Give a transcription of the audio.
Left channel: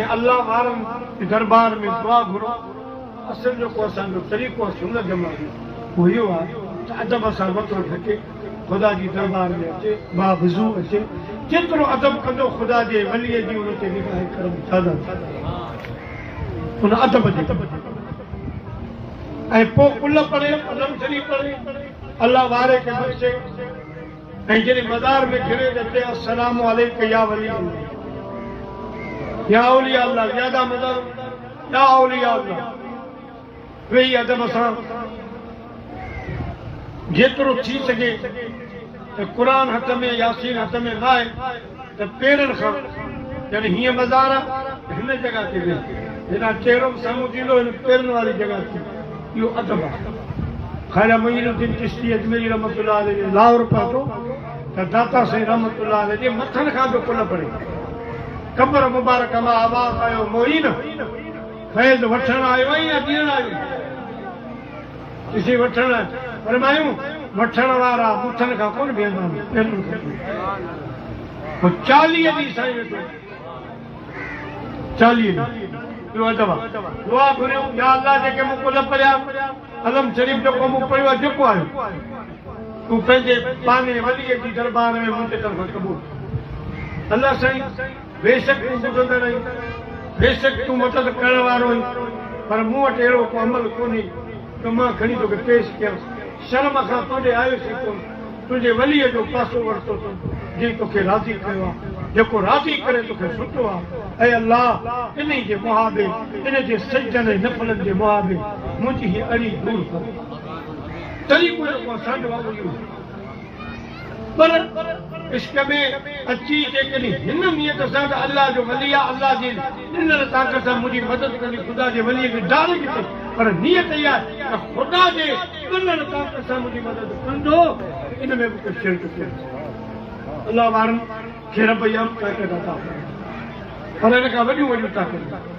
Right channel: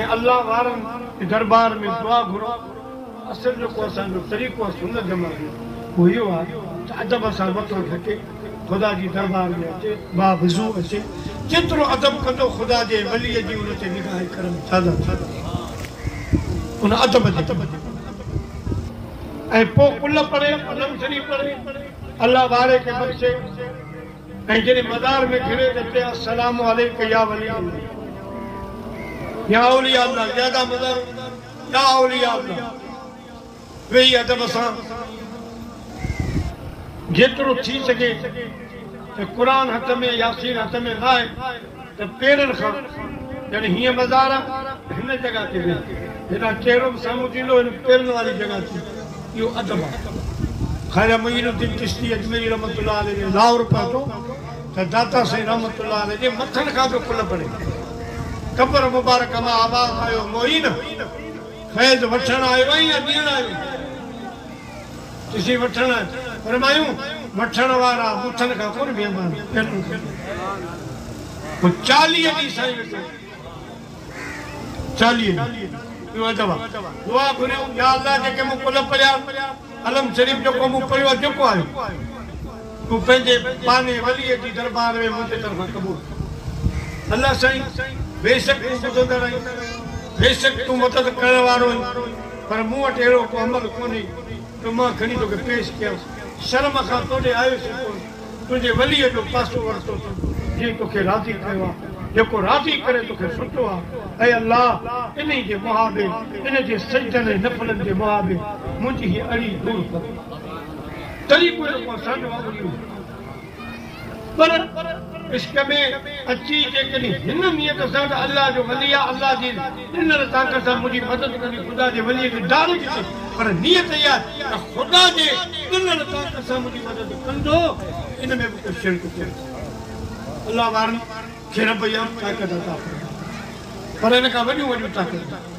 अल्लाह वारन के दरबार में दुआ घुरो असल जो को असांजो तरीक़ो सुन्नत जमाने वो यो आहे अदब सां वठो ढके खुदा जी दरबार में अचे बावज़ू अचे जेतिरो अदब कंदो खुदा जे वलीअ जी उन ते निगाह करम ज्यादा उन अदब जे ऐं पोइ कुल पढ़े कलम शरीफ़ पढ़े अल्लाह वारे खे बख़्शे ऐं जॾहिं मदार में घिरे अचे अस्सलामु अलैका या वली अल्लाह या औलिया अल्लाह ज्यादा मदर या औलिया अल्लाह वेही अदब सां जेतिरो थी सघे त क़ुर हथ में यासीन हथ में लाए त पेरनि खां यानी हीअं मज़ार हिन जॻह ते वेह हेॾा चहिरो बि साम्हूं थींदो हिन पेरनि वारी जॻह ते इहो अदब आहे ख़ैर मुईनुद्दीन चिश्ती अजमेरी रहमतुल्लाह अलैह लाहौर पियो थो त दाता साईं रहमतुल्लाह अलैह जे मथनि खां बि कुल पढ़े कबर मुबारक मां आबाद आयो मोइन फैज़ वठण आयो आई या ॾियण आयो किसी वठण फरमायूं वठण वारा मुठनि खां कोन बीहंदा आहिनि 40 ॾींहं साईं वेठो 40 ॾींहं इहो अदब दुआ घुरियूं या अल्लाह जेके मूं कुल पढ़िया अलम शरीफ़ जेको मूं पढ़ियो आहे जेको आयो तूं पंहिंजे पाने वलीअ जी दरबार में मुंहिंजे तरफ़ां क़बूल अल्लाह साईं बेशक तूं ॿुधंदड़ आहीं बेशक तूं मदद करण वारो आहीं पर मूं वटि अहिड़ो को अमल कोन्हे त मां खणी तोखे पेश कयां शर्म खां तोॾे आयोसीं कोन तुंहिंजे वलीअ जो पासो वरितो अथई जंहिं तोखे राज़ी कयो आहे जेको राज़ी करे तोखे सुठो आहे ऐं अल्लाह इन जे मुहाबे इन जे सजदनि ऐं नफ़लनि जे मुहाबे मुंहिंजी हीअ अड़ी दूर कर तरीक़ो जेको असांजो आहे पर इश्क में अची जेकॾहिं हिन नियत सां त अल्लाह जो वली आहे अल्लाह जी ॾिनल ताक़त सां मुंहिंजी मदद कंदी ख़ुदा जे वलीअ खे डार ॾिजे पर नियत इहा आहे त ख़ुदा जे ॾिनल ताक़त सां मुंहिंजी मदद कंदो इन में बि कुझु शिरक थिए अल्लाह वारनि खे रब इहा ताक़त अता पर हिन खां वॾियूं वॾियूं ताक़त